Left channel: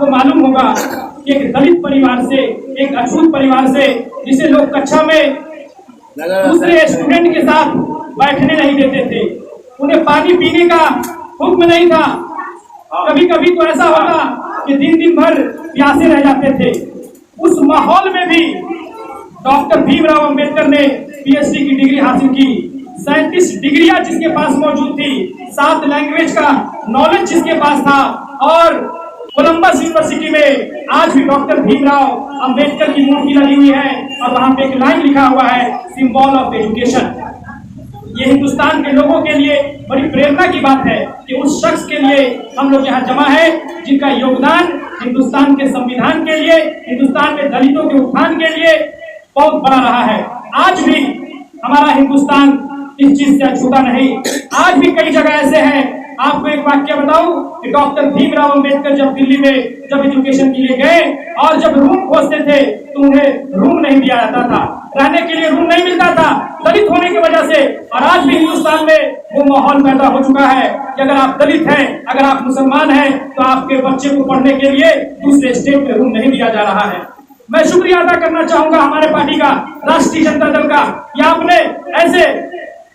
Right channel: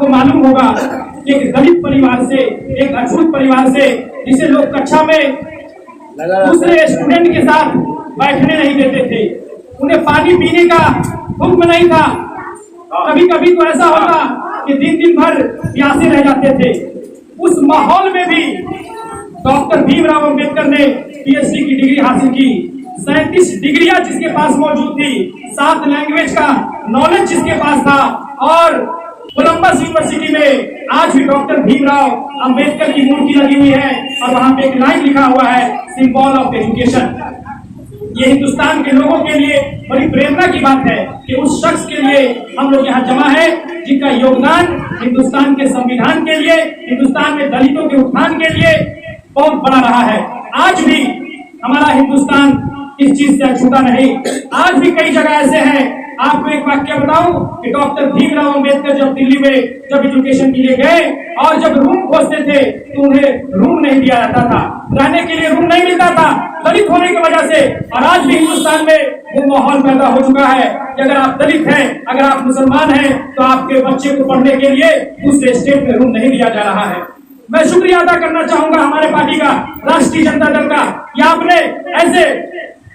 आपको मालूम होगा एक दलित परिवार से, एक अछूत परिवार से, जिसे लोग कक्षा में दूसरे स्टूडेंट के साथ बैठने नहीं देते थे, उन्हें पानी पीने का हुक्म नहीं था। कभी कभी तो ऐसा होता कि दिन दिन भर प्यासे रह जाते थे। उस माहौल में भी डॉक्टर भीमराव अंबेडकर ने पीएचडी की डिग्री हासिल की। 37 डिग्रियां जिसके पास मौजूद थी, 7 लैंग्वेज का नॉलेज जिसके पास था, और कोलंबस यूनिवर्सिटी में आज भी डॉक्टर भीमराव अंबेडकर की मूर्ति लगी हुई है और वहां पे एक लाइन लिखा हुआ है, सिंबल ऑफ एजुकेशन। ये हिंदुस्तान के लोगों के लिए बड़ी प्रेरणा की बात है कि उस शख्स के लिए हम लोग यहाँ जमा है जिनका योगदान हिंदुस्तान के संविधान के लिए, हिंदुस्तान में दलितों के उत्थान के लिए बहुत बड़ा रहा है। आज भी हमारा हिंदुस्तान इस चीज से अछूता नहीं। आज भी कई जगह ऐसे हैं। आपको एक वाक्य बताऊं कि डॉक्टर भीमराव अंबेडकर जब दिल्ली में जब एजुकेशन के लिए गए और जब रूम खोजते थे तो उन्हें रूम नहीं दिया जाता था, रहने के लिए रूम नहीं मिलता था दलित होने की वजह से। और आज भी हिंदुस्तान में वो माहौल पैदा हो चुका है कि अगर आप दलित हैं, अगर आप मुसलमान हैं, तो आपके बच्चे को पढ़ने के लिए दूसरे स्टेट में रूम नहीं दिया जा रहा है। मैं शुक्रिया अदा करना चाहूंगा हमारे पार्टी का, राष्ट्रीय जनता दल का, कि आपने ऐसे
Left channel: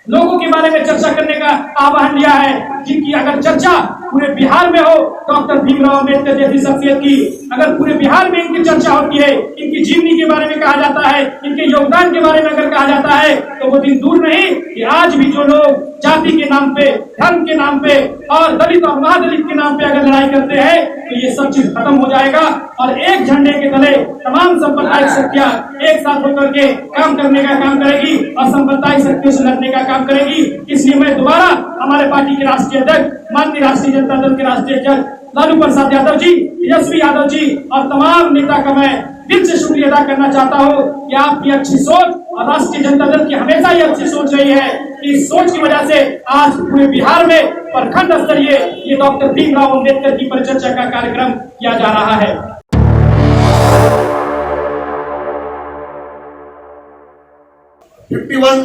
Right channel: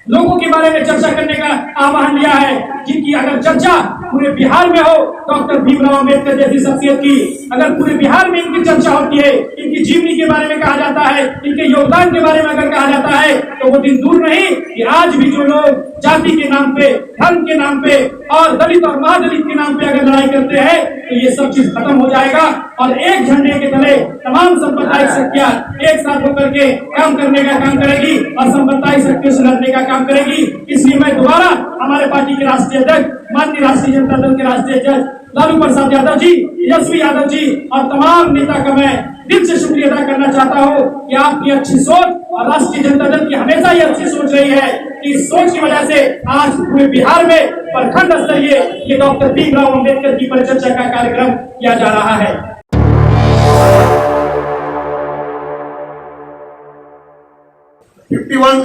लोगों के बारे में चर्चा करने का आह्वान लिया है जिनकी अगर चर्चा पूरे बिहार में हो, डॉक्टर भीमराव अंबेडकर जैसी शख्सियत की अगर पूरे बिहार में इनकी चर्चा होती है, इनकी जीवनी के बारे में कहा जाता है, इनके योगदान के बारे में अगर कहा जाता है, तो वो दिन दूर नहीं कि आज भी जो लोग जाति के नाम पे, धर्म के नाम पे और दलित और महादलित के नाम पे अगर लड़ाई करते हैं तो ये सब चीज खत्म हो जाएगा और एक झंडे के तले तमाम सांप्रदायिक शक्तियां एक साथ होकर के काम करने का काम करेगी और सांप्रदायिक शक्तियों से लड़ने का काम करेगी। इसलिए मैं दोबारा हमारे पार्टी के राष्ट्रीय अध्यक्ष, माननीय राष्ट्रीय जनता दल के राष्ट्रीय अध्यक्ष लालू प्रसाद यादव जी, यशवी यादव जी और तमाम नेता का मैं दिल से शुक्रिया अदा करना चाहता हूँ कि आपकी अच्छी सोच और राष्ट्रीय जनता दल की हमेशा ही अच्छी सोच रही है कि इस सोच की वजह से आज पूरे बिहार में प्रखंड स्तरीय ये डॉक्टर भीमराव अंबेडकर की परिचर्चा का कार्यक्रम किया जा रहा है।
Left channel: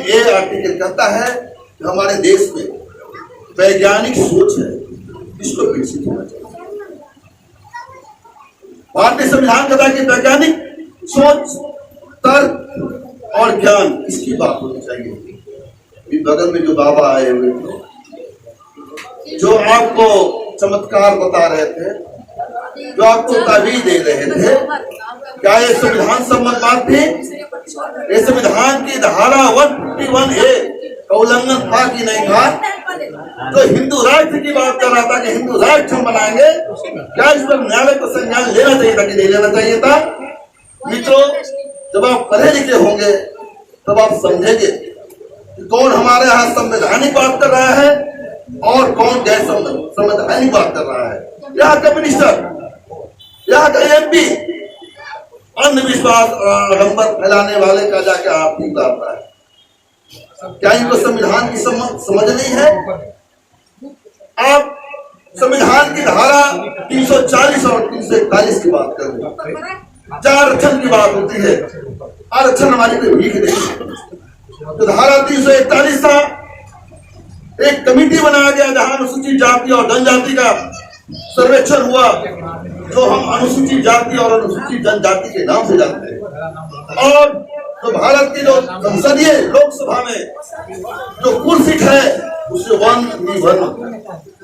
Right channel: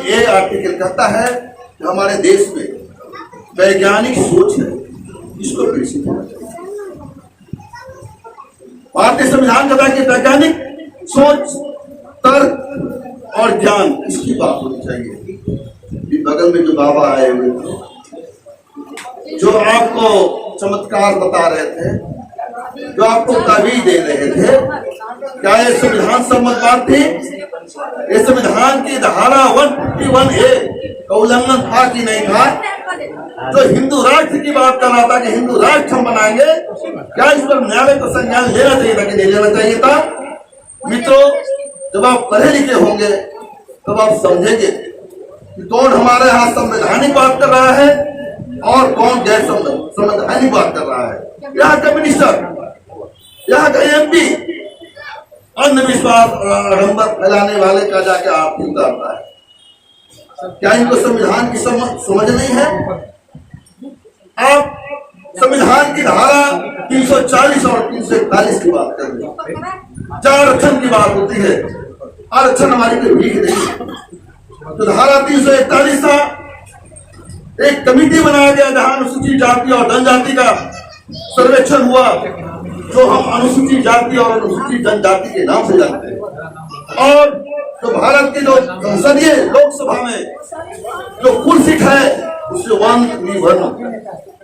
ए आर्टिकल कहता है कि हमारे देश में वैज्ञानिक सोच है, इसको विकसित होना चाहिए। भारतीय संविधान कहता है कि वैज्ञानिक सोच, तर्क और ज्ञान, इसकी बात होनी चाहिए। बगल में जो बाबा आए हुए थे, जो आपको चमत्कार बता रहे थे, जो आपको ताबीज दे रहे थे, क्या ये संविधान सम्मत बात थी? ये संविधान की धारा 151A का उल्लंघन था कि नहीं था? तो हिंदू राष्ट्र की बात कर रहा था कि हिंदू राष्ट्र हम बनाएंगे, क्या इस पर न्यायालय को संज्ञान लेना चाहिए था कि नहीं लेना चाहिए था? मित्रों, जब आप पढ़े लिखे होंगे तब आप समझेंगे कि कौन हमारे यहाँ संवैधानिक बात कर रहा है और कौन गैर संवैधानिक बात कर रहा है। यहाँ का मिनिस्टर, यहाँ का MP अंधविश्वास आडंबर फैलाने वाले का जाके आरती उतारता है। क्या इनको संविधान की समझ नहीं है? आप संविधान की धारा 340 और 341 की बात कर रहे हैं, जहाँ आरक्षण की बात होती है। आरक्षण हमारी कोई भीख नहीं है। तो धारा 341 था, एक कमेटी बनाया गया जहां अनुसूचित जाति और जनजाति का सर्वेक्षण हुआ, जो हम अनुसूचित जाति और अनुसूचित जनजाति के नाम से जानते हैं। और जो भारत की जो संसदीय लोकसभा में जो कुल सीट है उससे 1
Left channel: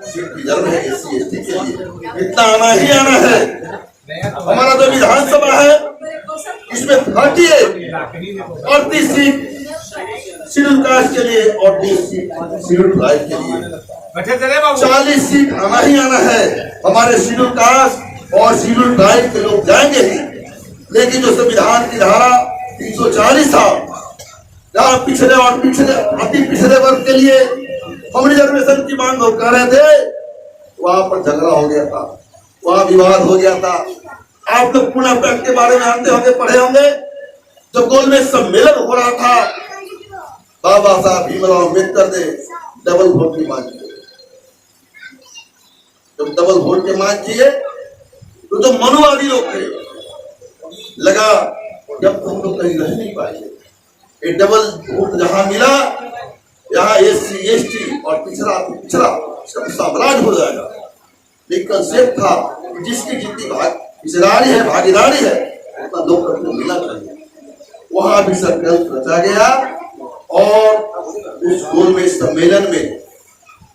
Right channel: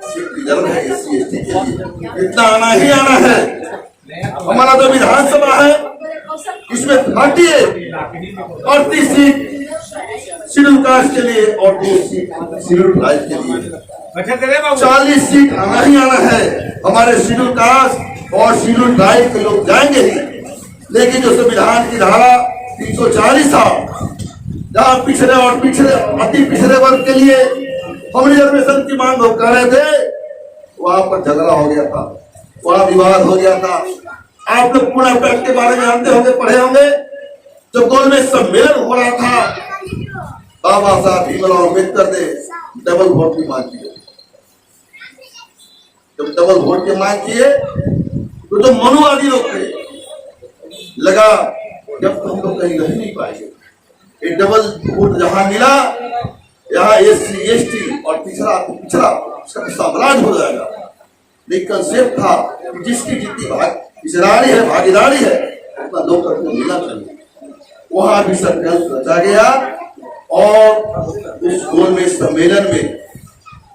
सीट रिजर्व है SC ST के लिए। इतना आना ही आना है। हमारा जो विधानसभा है इसमें 38 सीट शेड्यूल कास्ट के लिए और 2 सीट शेड्यूल ट्राइब के लिए। 40 सीट आना ही आना है। हमारे शेड्यूल कास्ट और शेड्यूल ट्राइब के लोग जाएंगे ही। लेकिन जो संविधान की धारा 340 था, जहाँ पिछड़े और अति पिछड़े वर्ग के लिए हम रिजर्वेशन की मांग कर रहे थे, वहां पर झगड़ा हो गया था, वहां विवाद हो गया था। आप लोग पुणे पैक्ट के बारे में जानते होंगे, पढ़े होंगे। जो गोल में सम्मेलन हो रहा था, बाबा साहब भीमराव अम्बेडकर ने डबल वोट की मांग की। जब डबल वोट की मांग किए तो जो मनुवादी लोग थे, लगा जब हम लोग कहीं रह नहीं पाएंगे, ये डबल वोट जहां मिला, यहाँ SC ST और पिछड़ा इसका साम्राज्य हो जाएगा। लेकिन कंसेप्ट था जिसकी जितनी हिस्सेदारी है, भागीदारी है, उतना लोकतंत्र को मिलना चाहिए। वहां भी षड्यंत्र रचा गया और इस गोलमेज सम्मेलन में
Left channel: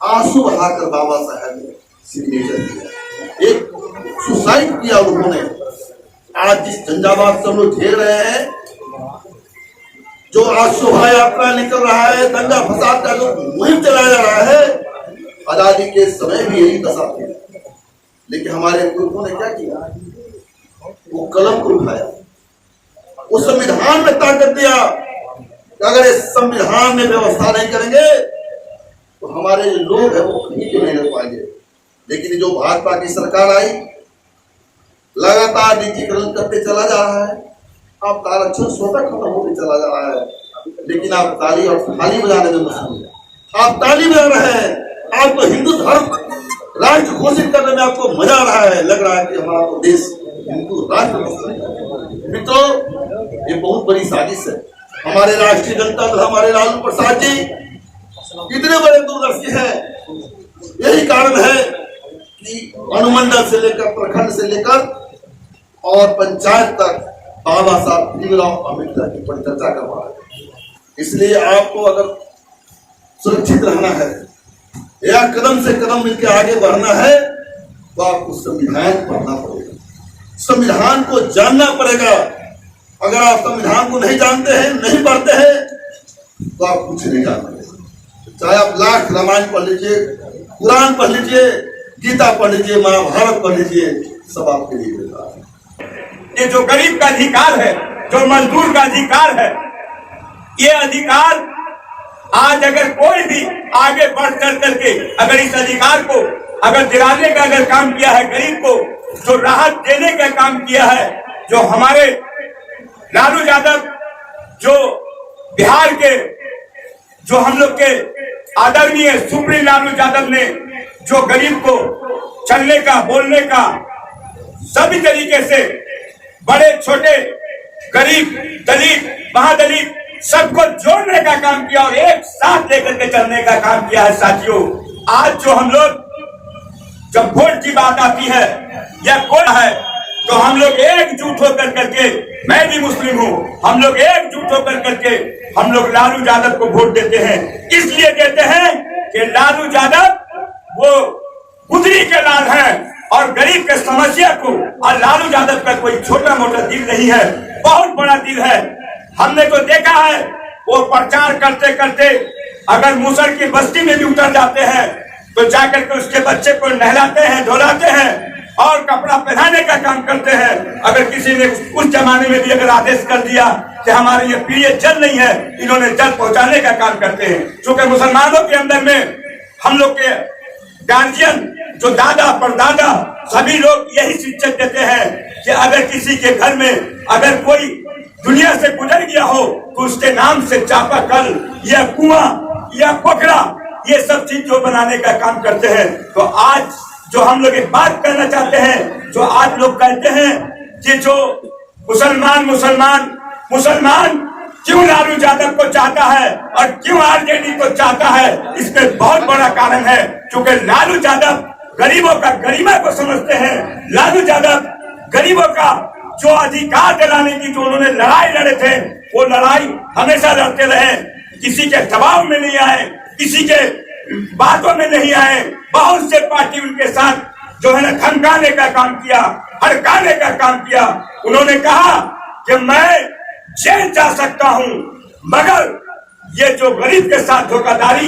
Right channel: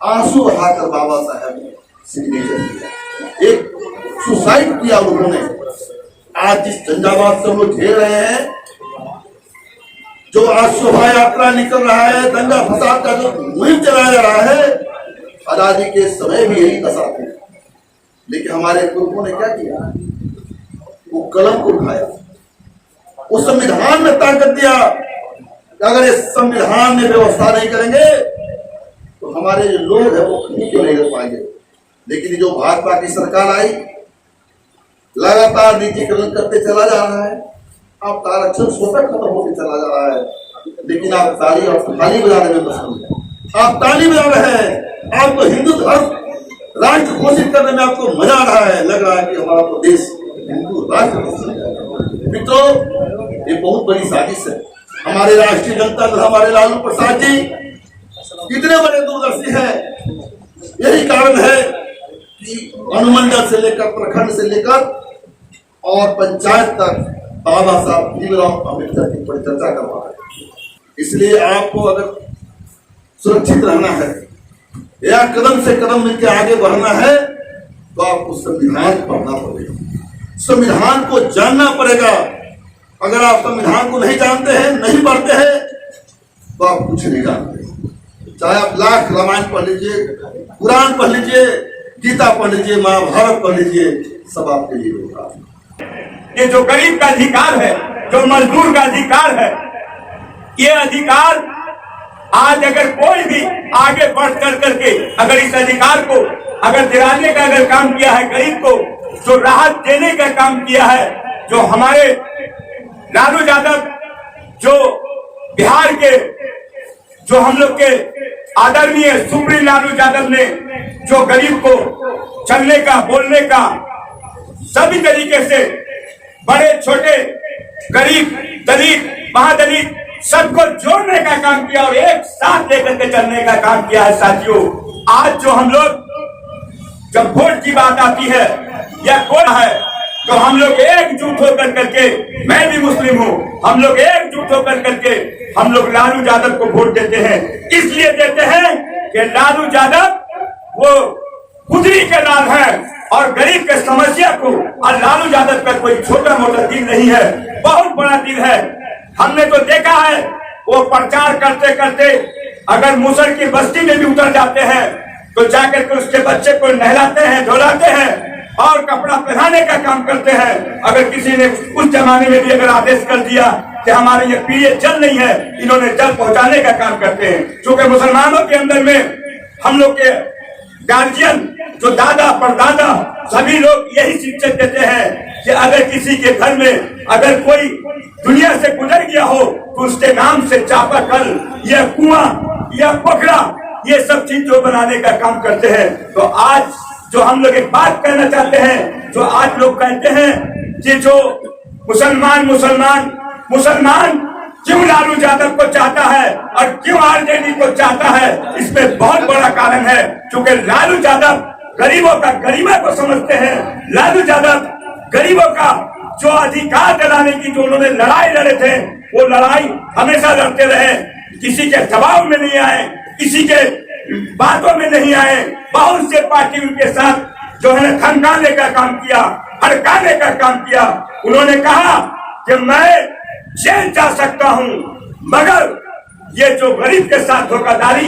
आंसू बहाकर बाबा साहब ने सिग्नेचर किया, एक सुसाइड किया उन्होंने। आज जिस झंझावात से हम लोग झेल रहे हैं, जो आज शोभा यात्रा निकल रहा है, दंगा फसाद का जो मुहिम चलाया जा रहा है, आजादी के समय भी यही दशा थी। लेकिन हमारे पुरखों ने क्या किया, वो कलम को उठाया, उस संविधान में ताकत दिया। अगर इस संविधान में व्यवस्था नहीं करेंगे तो हमारे जो लोग हैं वो कहीं के नहीं रह पाएंगे। लेकिन जो भाजपा की सरकार आई, लगातार निजीकरण करते चला जा रहा है। आप आरक्षण स्वतः खत्म होते चला जा रहा है, लेकिन आप ताली और थाली बजाने में पसंद है। आप ताली बजा रहे हैं, आप तो हिंदू धर्म राष्ट्र घोषित करने में आपको मजा आ रहा है। लग रहा है कि हमारा तो देश हिंदू राष्ट्र। मित्रों, ये बहुत बड़ी साजिश है। हमारे राष्ट्रीय जनता दल, हमारे लालू प्रसाद जी कितने बड़े दूरदर्शी हैं। यही कारण है कि अनुमंडल से लेकर, प्रखंड से लेकर और पंचायत तक बाबा साहब भीमराव अम्बेडकर की परिचर्चा करवा रहे हैं। इसलिए आपको अगर सुरक्षित रहना है या कदम से कदम मिलकर आगे बढ़ना है तो आपको संविधान पढ़ना पड़ेगा, संविधान को जानना पड़ेगा। अगर आप संविधान को नहीं जानते हैं, नहीं पढ़ते हैं, तो आप कुछ नहीं जानते। चाहे आप लाख रामायण पढ़ लीजिए, कुरान पढ़ लीजिए, गीता पढ़ लीजिए, महाभारत पढ़ लीजिए, सब आपके लिए बेकार है। ये जो गरीब का अधिकार है, जो मजदूर का अधिकार है, ये अधिकार आज अगर कोई भी आगे बढ़ चढ़ करके अगर इस अधिकार को अगर दिलाने का अगर काम किया है, गरीब को जो राहत देने का काम किया है, जो हमारे लालू यादव, जो बिहार के, जो हम लोग के आदरणीय सुप्रीम लालू यादव ने जो गरीब को चलने का, बोलने का, सभी तरीके से बड़े छोटे, गरीब, दलित, महादलित सबको जोड़ने का काम किया और एक साथ लेकर के चलने का काम किया है। साथियों, आज जो हम लोग जब वोट की बात आती है या कोई है तो हम लोग एकजुट होकर करके, मैं भी मुस्लिम हूँ, हम लोग एकजुट होकर करके हम लोग लालू यादव को वोट देते हैं। इसलिए देते हैं कि लालू यादव वो कुदरी के लाल हैं और गरीब के समस्या को, और लालू यादव का कोई छोटा मोटा दिल नहीं है, बहुत बड़ा दिल है। हमने तो देखा है वो प्रचार करते करते अगर मुसर की बस्ती में भी उतर जाते हैं तो जाकर के उसके बच्चे को नहलाते हैं, धुलाते हैं और कपड़ा पहनाने का काम करते हैं। अगर किसी ने उस जमाने में भी अगर आदेश कर दिया कि हमारे ये पीए जल नहीं है, इन्होंने जल पहुंचाने का काम करते हैं। क्योंकि मुसलमानों के अंदर में हम लोग के गार्जियन, जो दादा परदादा, सभी लोग यही शिक्षा देते हैं कि अगर किसी के घर में अगर कोई दुनिया से गुजर गया हो तो उसके नाम से चापाकल या कुआं या पोखरा, ये सब चीज जो बनाने का काम करते हैं। तो आज जो हम लोग एक बात कहना चाहते हैं, जो आज लोग कहते हैं कि जो मुसलमान मुसलमान मुसलमान क्यों लालू यादव को चाहता है और क्यों आरजेडी को चाहता है, इसमें बहुत बड़ा कारण है। क्योंकि लालू यादव गरीबों का गरिमा को समझते हैं। लालू यादव गरीबों का जो अधिकार दिलाने की जो उन्होंने लड़ाई लड़े थे, वो लड़ाई हमेशा लड़ते रहे, किसी के दबाव में नहीं आए, किसी के बातों में नहीं आए। बहुत से पार्टी उनके साथ जो है ना धमकाने का काम किया, भड़काने का काम किया। उन्होंने कहा कि मैं जेल जा सकता हूं, मगर ये जो गरीब के साथ धोखाधड़ी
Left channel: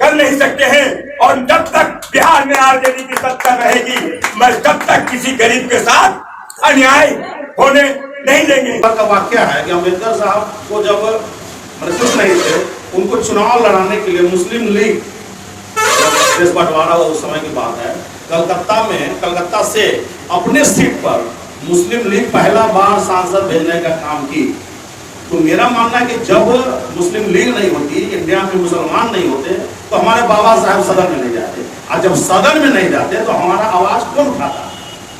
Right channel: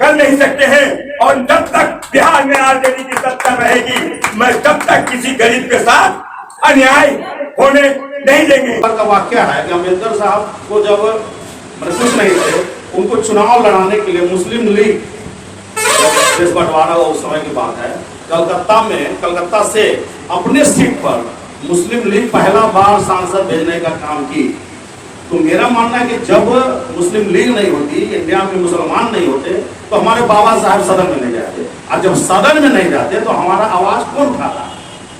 कर नहीं सकते हैं। और जब तक बिहार में आरजेडी की सत्ता रहेगी, मैं तब तक किसी गरीब के साथ अन्याय होने नहीं देंगे। का वाक्य है कि अम्बेडकर साहब को जब कुछ नहीं थे, उनको चुनाव लड़ाने के लिए मुस्लिम लीग, देश बंटवारा हुआ उस समय की बात है, कलकत्ता से अपने सीट पर मुस्लिम लीग पहला बार सांसद भेजने का काम की। तो मेरा मानना है कि जब मुस्लिम लीग नहीं होती, इंडिया में मुसलमान नहीं होते, तो हमारे बाबा साहब सदन में नहीं जाते, और जब सदन में नहीं जाते तो हमारा आवाज कौन उठाता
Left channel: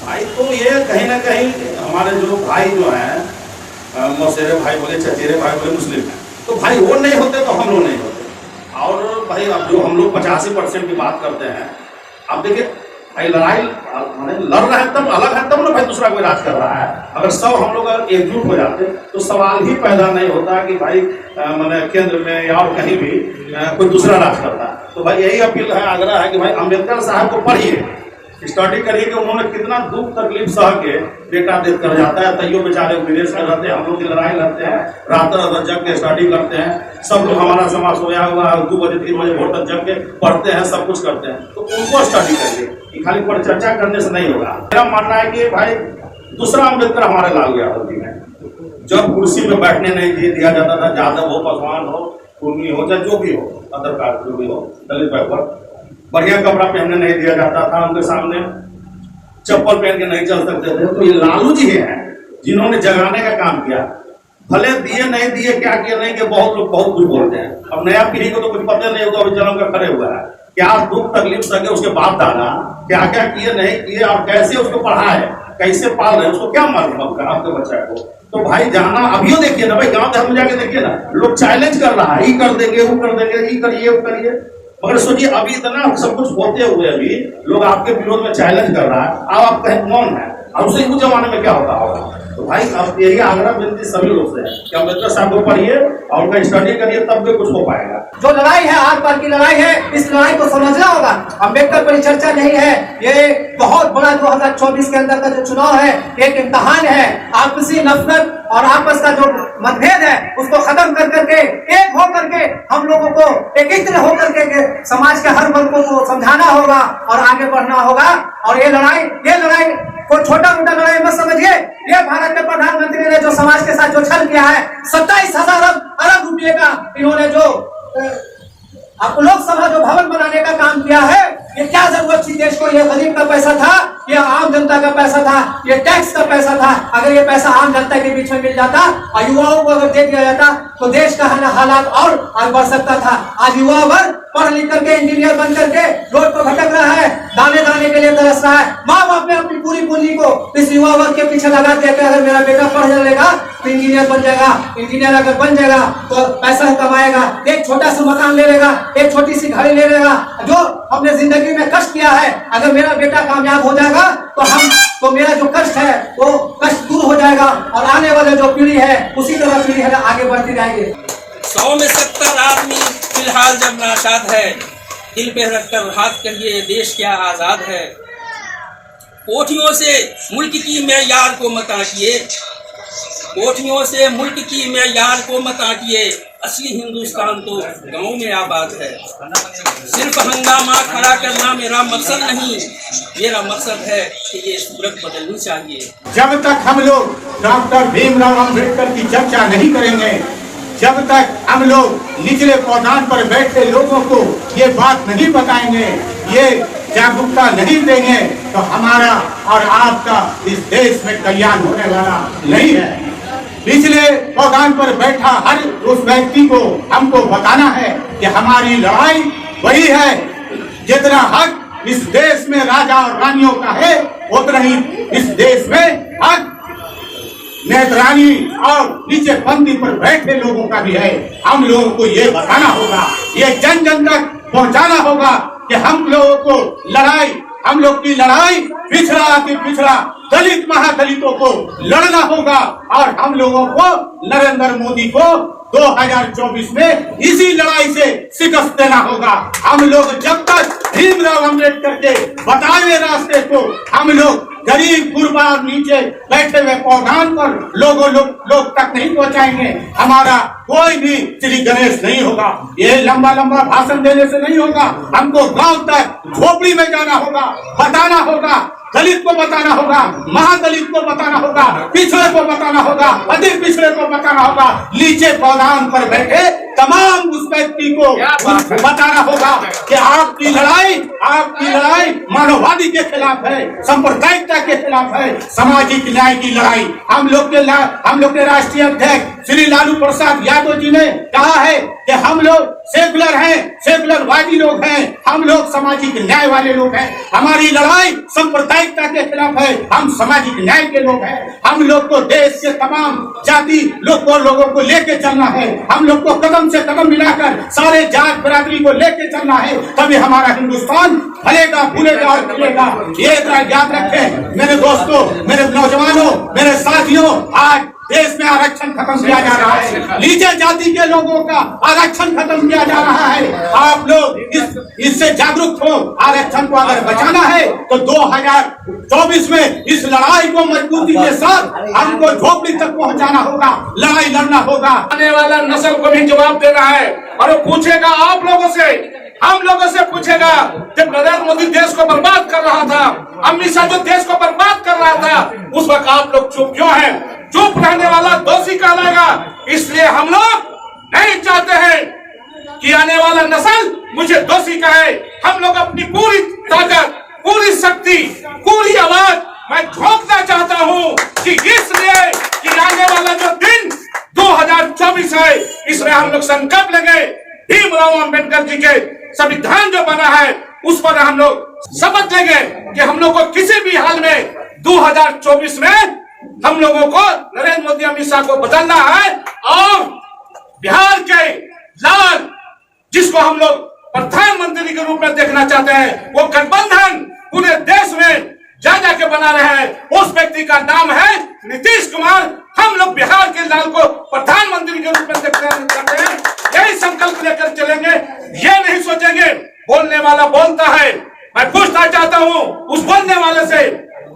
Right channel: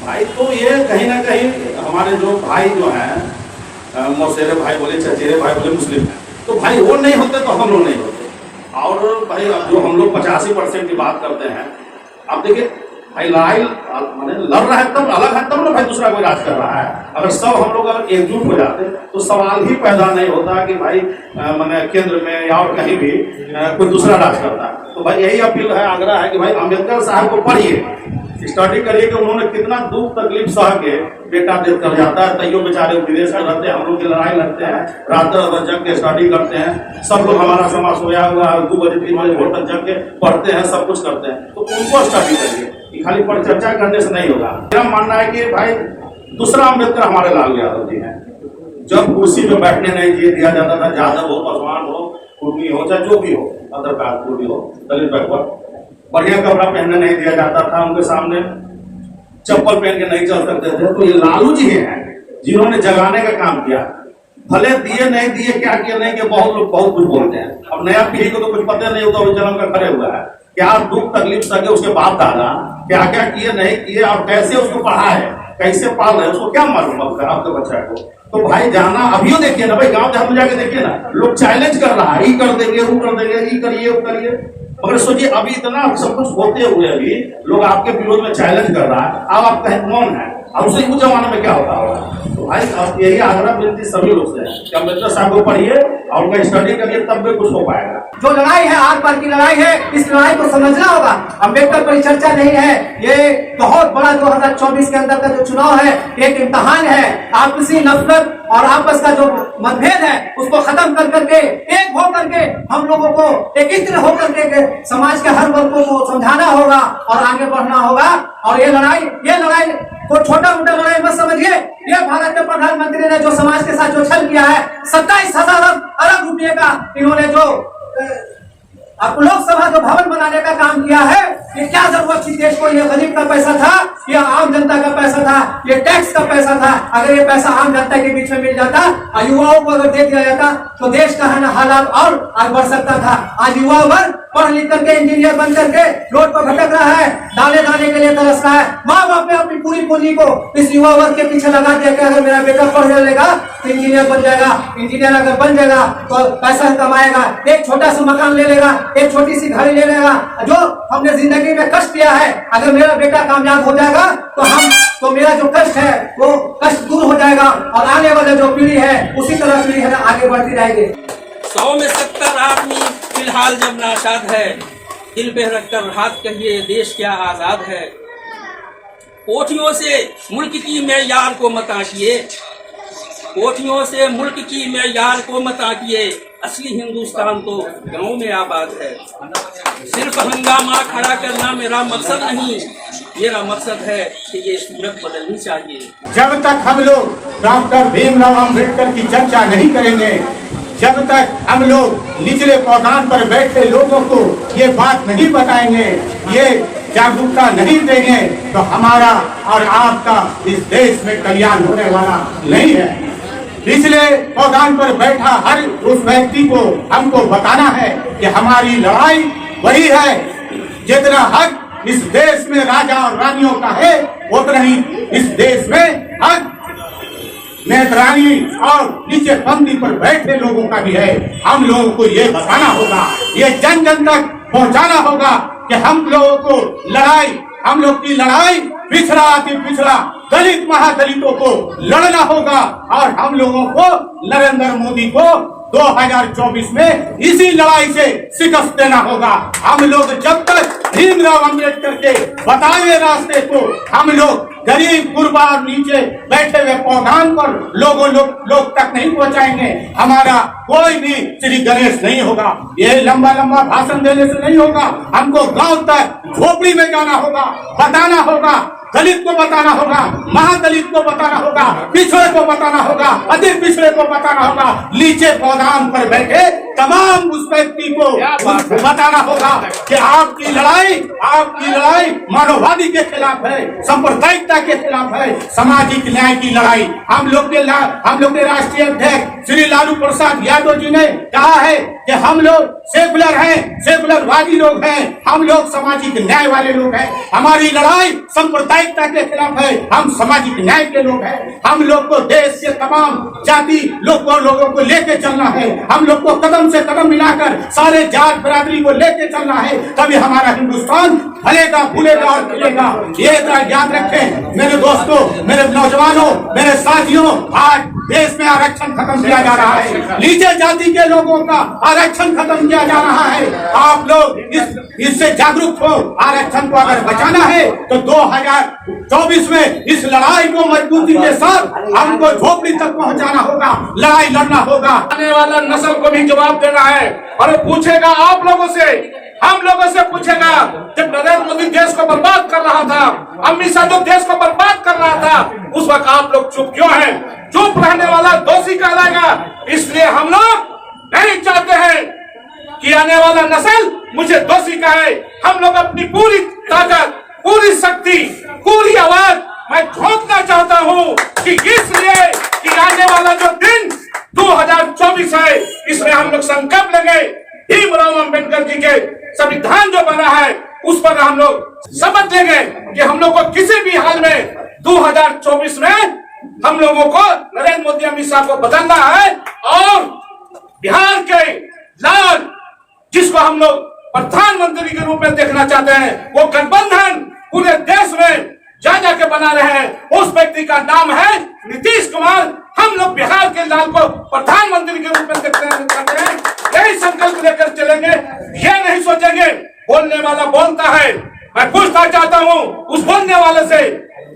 भाई? तो ये कहीं ना कहीं हमारे जो भाई जो हैं, मौसेरे भाई बोले, चचेरे भाई बोले, मुस्लिम हैं, तो भाई वो नहीं होते तो हम लोग नहीं होते। और भाई अब जो हम लोग 85% की बात करते हैं, अब देखिए भाई लड़ाई माने लड़ रहा है तब अलग है, तब ना भाई दूसरा कोई राज कर रहा है। अगर सब हम लोग अगर एकजुट हो जाते तो सवाल ही पैदा नहीं होता कि भाई माने केंद्र में या और कहीं भी कोई दूसरा राज करता। तो भाई यही अपील है, आग्रह है कि भाई अम्बेडकर साहब को पढ़िए, स्टडी करिए कि उन्होंने कितना दुख तकलीफ सह के बेटा डेथ कर जाता है, तैयो बेचारे विदेश में रहते हैं, हम लोग की लड़ाई लड़ते हैं, रात रात जग के स्टडी करते हैं, सब लोग हमारा समाज सोया हुआ 2 बजे 3 बजे भोर तक जग के पढ़ते हैं, सब कुछ करते हैं। तो उनको स्टडी करिए, कि खाली पर चर्चा करने से नहीं होगा। मेरा मानना है कि भाई दूसरा अम्बेडकर हमारे लाल यादव जी हैं। जब कुर्सी में बैठने नहीं दिया जाता था, यादव हो, पासवान हो, कुर्मी हो, चाहे जो भी हो, अदर कास्ट जो भी हो, दलित बैकवर्ड, बढ़िया कपड़ा पहनने नहीं दिया जाता था, उनके सामने चप्पल पहन के नहीं चल सकते थे। तो ये लालू जी हैं जिन्होंने जगाने का काम किया। भले दिए नहीं दिए, क्या किए नहीं किए, बहुत लोग बहुत कुछ बोलते हैं। अब नया पीढ़ी को तो कुछ पता नहीं होता, अभी जन्म का खड़े हुआ है, क्या दुख तकलीफ सके उसके बाप दादा क्या क्या किए नहीं किए और कैसे उसको पढ़ाए, कैसे पाल रहे, उसको क्या मालूम आपके बच्चा को। तो भाई जाना अभी देखिए ना भाई, गाँव देहात में जाके देखिए ना, लोग चैलेंज कर रहा है, ये कर देंगे, वो कर देंगे, ये करिए वो करिए। मगर सोचिए अभी इतना सब कुछ होते हुए भी लोग आपके विरोध में चैलेंज कर रहा है, अब आप कहें कौन है, अब उसे उस जमाने में क्या होता होगा। तो भाई अब यही आग्रह विनती सभी लोग से है कि अम्बेडकर साहब को पढ़िए और उनका स्टडी करिए, तब भी कुछ हो पाएगा। जो लड़ाई है आर पार की लड़ाई है, इस लड़ाई को समझना होगा। अम्बेडकर परिचर्चा नहीं है, ये बहुत बड़ा 2024 के अंदर का जो चुनाव है एक इम्तिहान है। आपसी नफरत और आपस का जो मतभेद है उसको खत्म कर करके एक हो करके हम लोगों को एकत्र हो करके समाज के हर वर्ग को समझाना होगा और आगे बढ़ना होगा। और ये लड़ाई को छोटा मोटा लड़ाई मत समझिए। ये भारत के प्रधानमंत्री ने जो समाज के साथ जो छल किया है, 27,000 अरब रुपये का इन्होंने जो लोकसभा जो भवन बनाने का काम किया है, ये क्या जरूरत थी देश को। ये गरीब का पैसा था, ये आम जनता का पैसा था, ये टैक्स का पैसा था। अगर ये पैसा आम जनता के बीच में मिल जाता और युवाओं को अगर दे दिया जाता तो देश का है ना हालात और आगे बढ़ सकता था। आज युवा वर्ग पढ़ लिख करके इंजीनियर बन करके रोड पर भटक रहा है, दाने दाने के लिए तरस रहा है। माँ बाप ने अपनी पूरी पूंजी को इस युवा वर्ग के पीछे लगा दिया कि अगर मेरा बेटा पढ़ लेगा तो इंजीनियर बन जाएगा, इंजीनियर अगर बन जाएगा तो पैसा कमाएगा, एक छोटा सा मकान ले लेगा, एक छोटी सी गाड़ी ले लेगा। जो हमने जिंदगी में कष्ट किया है, अगर मेरा बेटा कामयाब हो जाएगा तो मेरा जो कष्ट है वो कष्ट दूर हो जाएगा और आने वाले जो पीढ़ी है उसी तरह पीढ़ी है आगे बढ़ती रहेगी। 100 में 70 आदमी फिलहाल जब नाशाद है, दिल पे रखकर हाथ कहिए देश क्या आजाद है। कोठियों से मुल्क की मेयार को मत आंकिए, कोठियों से मुल्क की मेयार को मत आंकिए, असली हिंदुस्तान तो गांव में आबाद है। सिर्फ हंगामा खड़ा करना मेरा मकसद नहीं, मेरा मकसद है कि ये सूरत बदलनी चाहिए। जब तक हम लोग डॉक्टर भीमराव अम्बेडकर की चर्चा नहीं करेंगे, जब तक हम लोग निचले पौधान पर बैठे लोगों को ये बात नहीं बताएंगे, ये जागरूकता नहीं देंगे, तो हमारा और आपका इस देश में कल्याण होने वाला नहीं है। पिछले पौधान पर बैठा हर उस व्यक्ति को हमको बताना है कि हमारी लड़ाई वही है, जितना हक इस देश में राजा और रानियों का है उतना ही इस देश में हक नेतरानी और नीचे पंक्ति पर बैठे लोगों का भी है। हम लोगों को ये बताना होगा, ये जन जन तक पहुंचाना होगा कि हम लोगों को हम लोग की लड़ाई पिछड़ा अति पिछड़ा दलित महादलितों को लड़ना होगा और हम लोगों को नरेंद्र मोदी को 2024 में इसी लड़ाई से शिकस्त देना होगा। हम लोग जब तक भीमराव अम्बेडकर के बताए रास्ते को हम लोग गरीब गुरबा और नीचे बैठे हुए पौधान पर लोग तक नहीं पहुंचाएंगे, हमारा कोई भी श्री गणेश नहीं होगा। ये लंबा लंबा भाषण देने से नहीं होगा, हमको गांव तक झोपड़ी में जाना होगा, बताना होगा, दलित को बताना होगा, महादलित को बताना होगा, पिछड़े को बताना होगा, अधिक पिछड़े को बताना होगा, नीचे पौधान पर बैठे तमाम उस व्यक्ति को बताना होगा कि आपकी लड़ाई मानववादी के खिलाफ है, सांप्रदायिकता के खिलाफ है, सामाजिक न्याय की लड़ाई। हम लोग के राष्ट्रीय अध्यक्ष श्री लालू प्रसाद यादव जी ने कहा है कि हम लोग सेकुलर हैं, सेकुलरवादी लोग हैं, हम लोग सामाजिक न्याय वाले लोग हैं, हमारी लड़ाई सांप्रदायिकता के खिलाफ है, हम सामाजिक न्याय के लोग हैं, हम लोग को देश के तमाम जाति लोगों को लेके चलना है, हम लोग को कदम से कदम मिलाकर सारे जात बिरादरी को लेके चलना है, तभी हमारा हिंदुस्तान फलेगा फूलेगा और खिलेगा। ये याद रखें मेरे दोस्तों, मेरे नौजवानों, मेरे साथियों, आज देश में आरक्षण खत्म किया जा रहा है, नीचे जाति के लोगों का आरक्षण खत्म किया जा रहा है। आप लोग इससे जागरूक हो, आरक्षण को अगर बचाना है तो 2024 में इस लड़ाई को मजबूती के साथ हमको झोपड़ी तक पहुंचाना होगा, लड़ाई लड़ना होगा। आने वाला नस्ल को भी जवाब देना है और वो पूछेगा आप लोगों से, हम लोगों से पूछेगा। जब नरेंद्र मोदी देश को बर्बाद कर रहा था, अमित शाह जो देश को बर्बाद कर रहा था, उस वक्त आप लोग चुप क्यों हैं? चुप रहने वाला दोषी कहलाएगा। इसलिए हम लोग नहीं चाहते हैं कि आने वाला नस्ल मुझे दोषी कहे। हम लोग अपनी पूरी ताकत, पूरी शक्ति, पूरी आवाज मैं झोंकना चाहता हूँ कि इसलिए कि आने वाला जो दिन 2024 है, इसमें हम लोग संकल्प लेंगे, भीमराव अंबेडकर जी के संविधान जो बना है उस पर हम लोग शपथ लेंगे कि हम लोग को किसी भी हाल में 2024 में हम लोगों को नरेंद्र मोदी अमित शाह को बदलना है और बिहार के लाल जिसको हम लोग प्रधानमंत्री के रूप में देखना चाहते हैं, वो गठबंधन पूरे देश में जा के बना रहे हैं, उस व्यक्ति का नाम है नीतीश कुमार। हम लोग बिहार के लाल को प्रधानमंत्री के रूप में देखते हैं, यही संकल्प लेकर चलेंगे। ये नहीं सोचेंगे बोलने वाला बोलता है। मैं पूछना चाहता हूँ उस बोलने वाले से,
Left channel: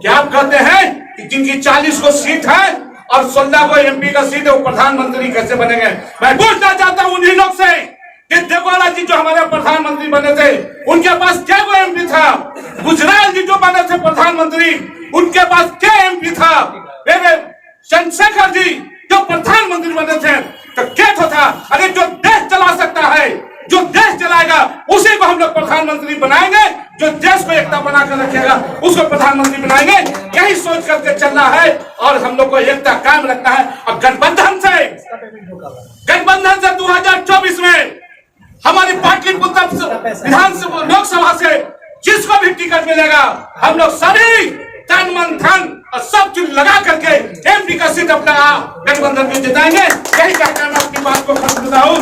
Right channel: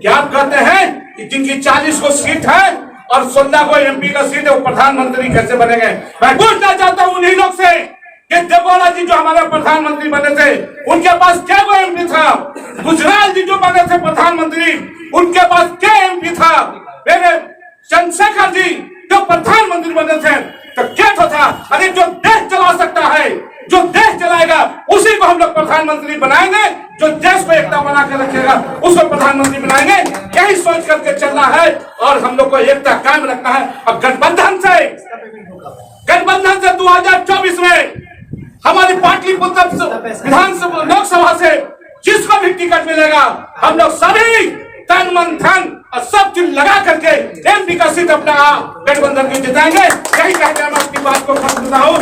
क्या आप कहते हैं कि जिनकी 40 को सीट है और 16 को एमपी का सीट है, वो प्रधानमंत्री कैसे बनेंगे? मैं पूछना चाहता हूँ उन्हीं लोग से कि देवगौड़ा जी जो हमारे प्रधानमंत्री बने थे, उनके पास क्या वो एमपी था? गुजराल जी जो बने थे प्रधानमंत्री, उनके पास क्या एमपी था? मेरे चंद्रशेखर जी जो प्रधानमंत्री बने थे तो क्या था? अरे जो देश चला सकता है, जो देश चलाएगा उसी को हम लोग प्रधानमंत्री बनाएंगे, जो देश को एकता बना कर रखेगा उसको प्रधानमंत्री बनाएंगे। यही सोच करके चलना है और हम लोग को एकता कायम रखना है। और गठबंधन से 2024 में हमारी पाटलिपुत्र विधानसभा लोकसभा से जिसको भी टिकट मिलेगा, हम लोग सभी तन मन धन और सब चीज लगा करके एमपी का सीट अपना गठबंधन को जिताएंगे। यही कहकर मैं अपनी बात को खत्म करता हूँ।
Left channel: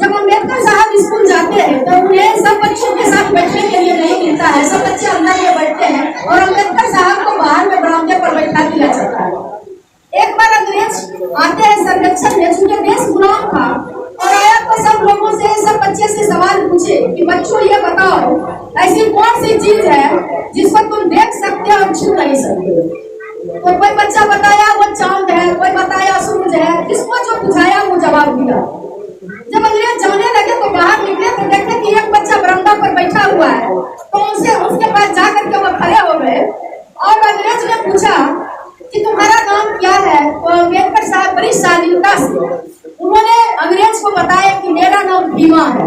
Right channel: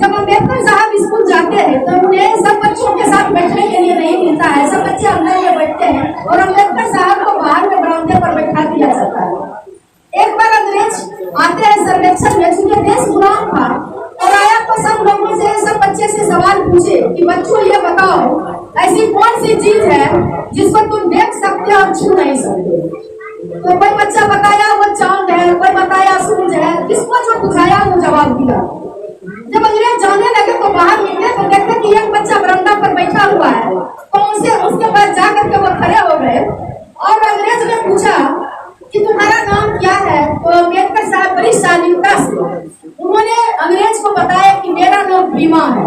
जब अम्बेडकर साहब स्कूल जाते हैं तो उन्हें सब बच्चों के साथ बैठने के लिए नहीं मिलता है, सब बच्चे अंदर में बैठते हैं और अम्बेडकर साहब को बाहर में बरामदे पर बैठा दिया जाता है। एक बार अंग्रेज आते हैं सर्वेक्षण में, चूंकि देश गुलाम था और आया तो सब लोगों से, सब बच्चे से सवाल पूछे कि बच्चों ये बताओ ऐसी कौन सी चीज है जिसको तुम देख सकते और छू नहीं सकते? तो कोई बच्चा बताया वो चांद है, कोई बताया सूरज है, जिसको जो पूछाया वो जवाब दिया। जब अंग्रेज जाने लगे तो बाहर निकले तो देखे कि एक बच्चा बरामदा पर बैठा हुआ है, तो उसके पास जाकर के वो खड़े हो गए और अंग्रेज ने पूछा कि तुम्हारा नाम क्या है? तो अम्बेडकर साहब बड़ी शालीनता से उन्होंने अंग्रेज को बताया कि मेरा नाम भीमा है।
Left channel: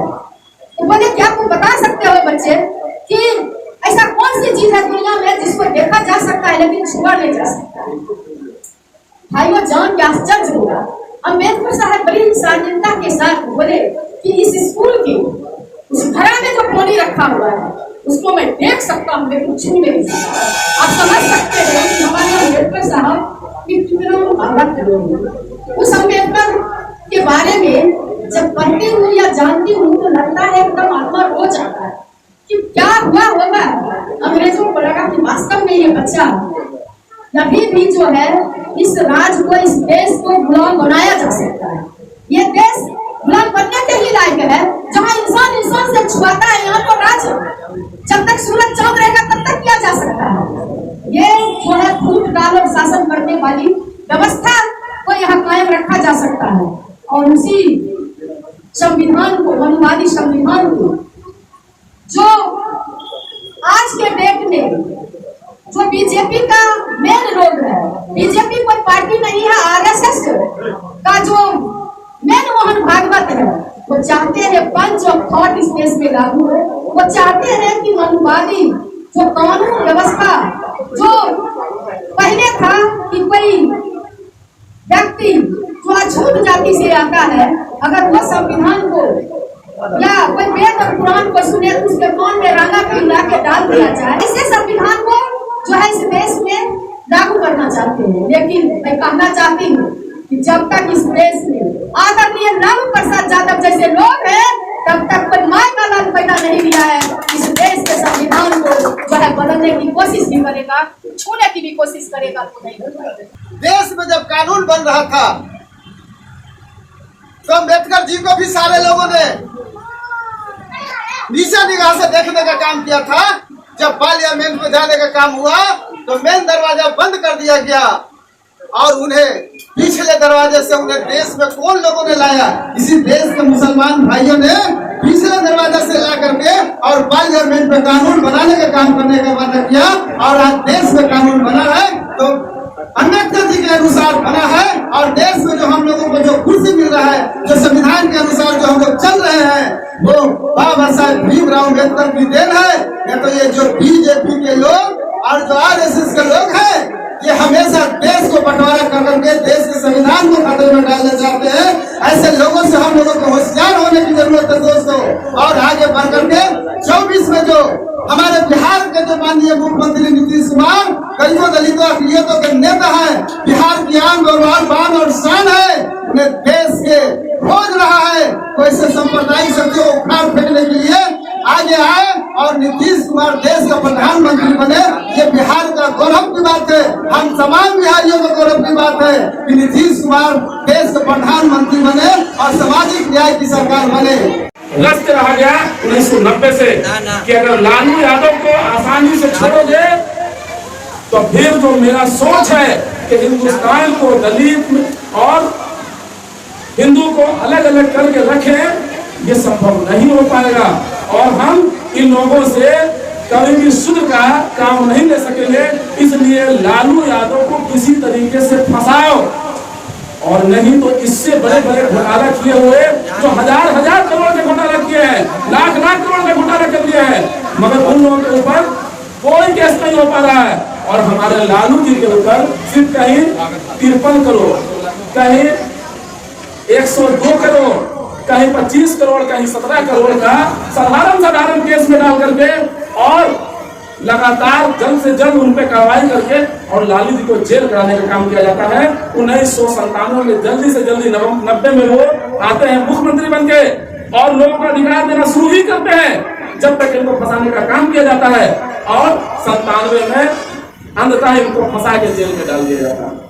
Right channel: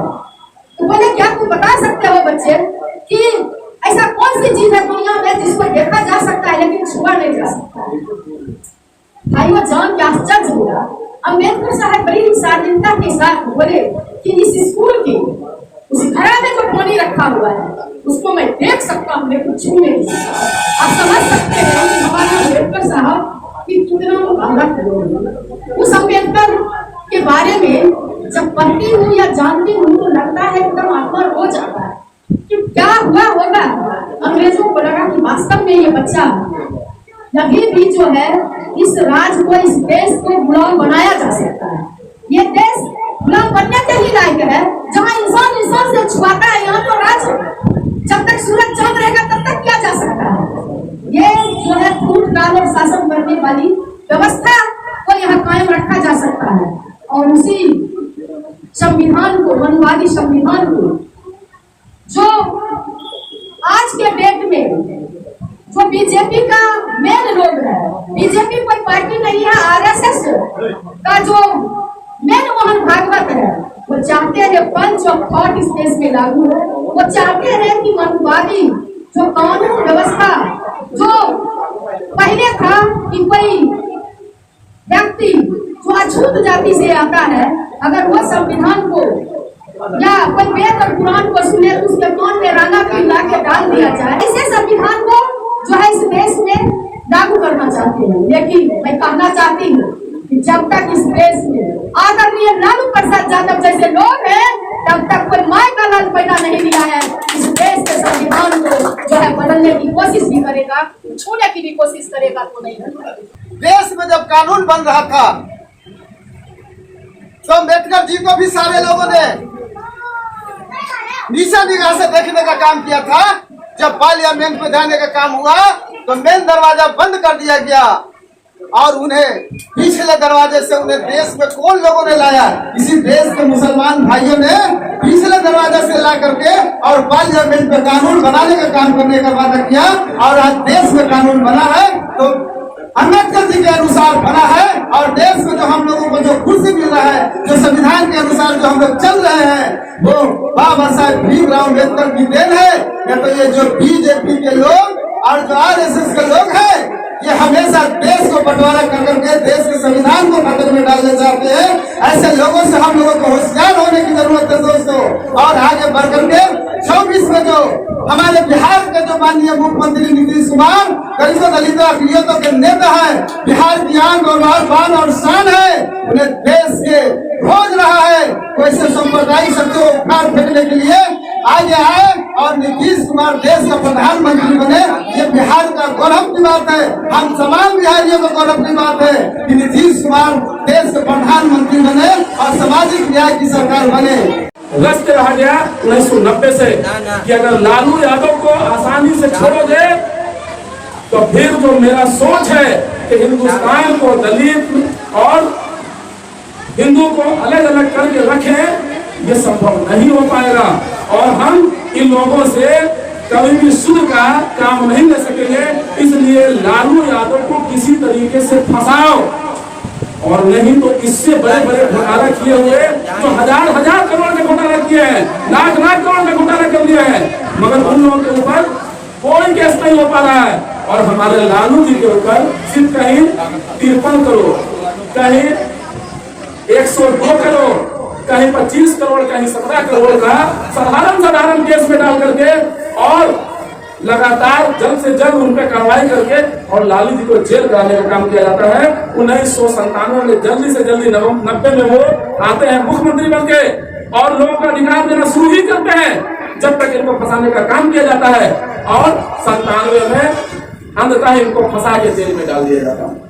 तो बोले क्या तुम बता सकते हो बच्चे कि ऐसा कौन सी चीज है दुनिया में जिसको देखा जा सकता है लेकिन छुआ नहीं जा सकता? भाइयों जान के आश्चर्य हुआ। अम्बेडकर साहब बड़ी शालीनता के साथ बोले कि इस स्कूल की उस घड़ा में जो पानी रखा हुआ है उसको मैं देख सकता हूँ लेकिन छू नहीं सकता। आप समझ सकते हैं कि हमारे अम्बेडकर साहब की कितना मुबारक। उस अम्बेडकर के बारे में जब पढ़ती हूँ या जानती हूँ तो लगता है एकदम आत्मा रो जाता है कि क्या हुआ होगा। अंग्रेजों को लगा कि वास्तव में ये बच्चा अभी भी जो है इस राज्य को, इस देश को गुलाम बनाया जा सकता है। ये देश गुलाम बनने के ही लायक है जहाँ इंसान इंसान से छुआता है। यहाँ तो राज्य जब तक सूरज चांद रहेगा तब तक किया जा सकता है। ये जो है फूट डाल और शासन करने वाली व्यवस्था को यहाँ कायम रखा जा सकता है और उसी संविधान को, मनुवादी संविधान को, जो आज के डेट में जो बीजेपी का मेन रोल है, बीजेपी कोई पार्टी नहीं है, आरएसएस का जो मेन मोहन भागवत है, वो चाहते हैं पंच ऑफ थॉट इस देश में लागू है। वो चाहते हैं कि मनुवादी जो कानून व्यवस्था जो पहले था कि कोई व्यक्ति जो अछूत जाति से आता है, अगर वो संविधान को या कोई वेद और कुरान को सुने तो उसके कौन में रंगा पिला के डाल दिया जाए। इसे संविधान को जो है इस देश में लागू करना चाहते हैं। लेकिन मैं कहना चाहती हूँ कि जब तक इस देश में आदरणीय लालू प्रसाद यादव जैसे लोग हैं, तब तक कोई माय का लाल पैदा नहीं लिया है। इस देश के संविधान को जो है बदलने की कोशिश भी करेगा, छूने की भी कोशिश करेगा तो नहीं कर पाएगा। देश में जब कानून बन रहा था तो अम्बेडकर जी को भी सारे लोगों ने नीचे निगाह से देखने का काम किया था। जब पार्लियामेंट में जाने का काम हुआ तो मेन दरवाजा बंद कर दिया गया और उन्हें पिछले दरवाजे से उन्हें देश में कौन लोगों ने लाया? इसी देश के मुसलमान भाइयों ने पिछले दरवाजे से ला करके और पार्लियामेंट में कानून बनाने का काम करने का वादा किया और आज देश में कानून बना है तो अम्बेडकर जी के अनुसार बना है। और देश में जो हम लोगों को जो कुर्सी मिल रहा है, जो संविधान के अनुसार जो हम लोग चल रहे हैं, वो बाबा साहब भीमराव अम्बेडकर की देन है। या तो ये जो बीजेपी के लोग और जो आरएसएस के लोग हैं, ये हमेशा देश को बंटवारा कर करके देश के संविधान को खतरे में डालना चाहते हैं। ऐसे लोगों से हम लोगों को होशियार होने की जरूरत है दोस्तों। और आगे बढ़ करके 24 में जो हमारे बिहार के जो माननीय मुख्यमंत्री नीतीश कुमार गरीबों दलितों अकलियतों के नेता है, बिहार की आन और बान और शान है, उन्हें देश के खोज रहा है। कोई से सांप्रदायिक शक्तियों को उखाड़ फेंकने के लिए आगे आए और नीतीश कुमार देश का प्रधानमंत्री बने, ये बिहार का गौरव की बात है। हम तमाम बिहारियों का गौरव की बात है कि नीतीश कुमार देश के प्रधानमंत्री बने और सामाजिक न्याय की सरकार बने। रस्त रहा गया 1990 से कि अगर लालू यादव को आसानी से छोड़ोगे तो फिर जो मेरा सोच है कि हिंदुस्तान को दलित और हिंदू को अलग अलग करके रखें, ये संभव नहीं हो पाएगा। और हम इन लोगों से कभी भी सुध का काम नहीं ले सकेंगे। इसलिए लालू यादव को किसी तरीके से फंसाओ, और नहीं तो इससे बड़े बड़े घोटाला किए हुए जो हजार करोड़ के घोटाला किए हैं, लाख करोड़ का घोटाला कर लिया है, मगर उन लोगों के ऊपर कोई केस नहीं हो पा रहा है। और हमारे लालू जी के ऊपर सिर्फ कहीं 53 करोड़, कहीं 102 करोड़, कहीं 25 करोड़, कहीं 17 करोड़ का साधारण केस में डाल करके और लगातार जल्द से जल्द उन पे कार्रवाई करके और लालू जी को जेल कराने का काम किया जाता है। 1997 में जल्दी से जल्दी 90 में वो आते हैं मुख्यमंत्री बनके और लोगों का अधिकार देना शुरू ही करते हैं जब तक इनको फंसाने का काम किया जाता है। और 97 में अंततः इनको फंसा के जेल में डाल दिया जाता है।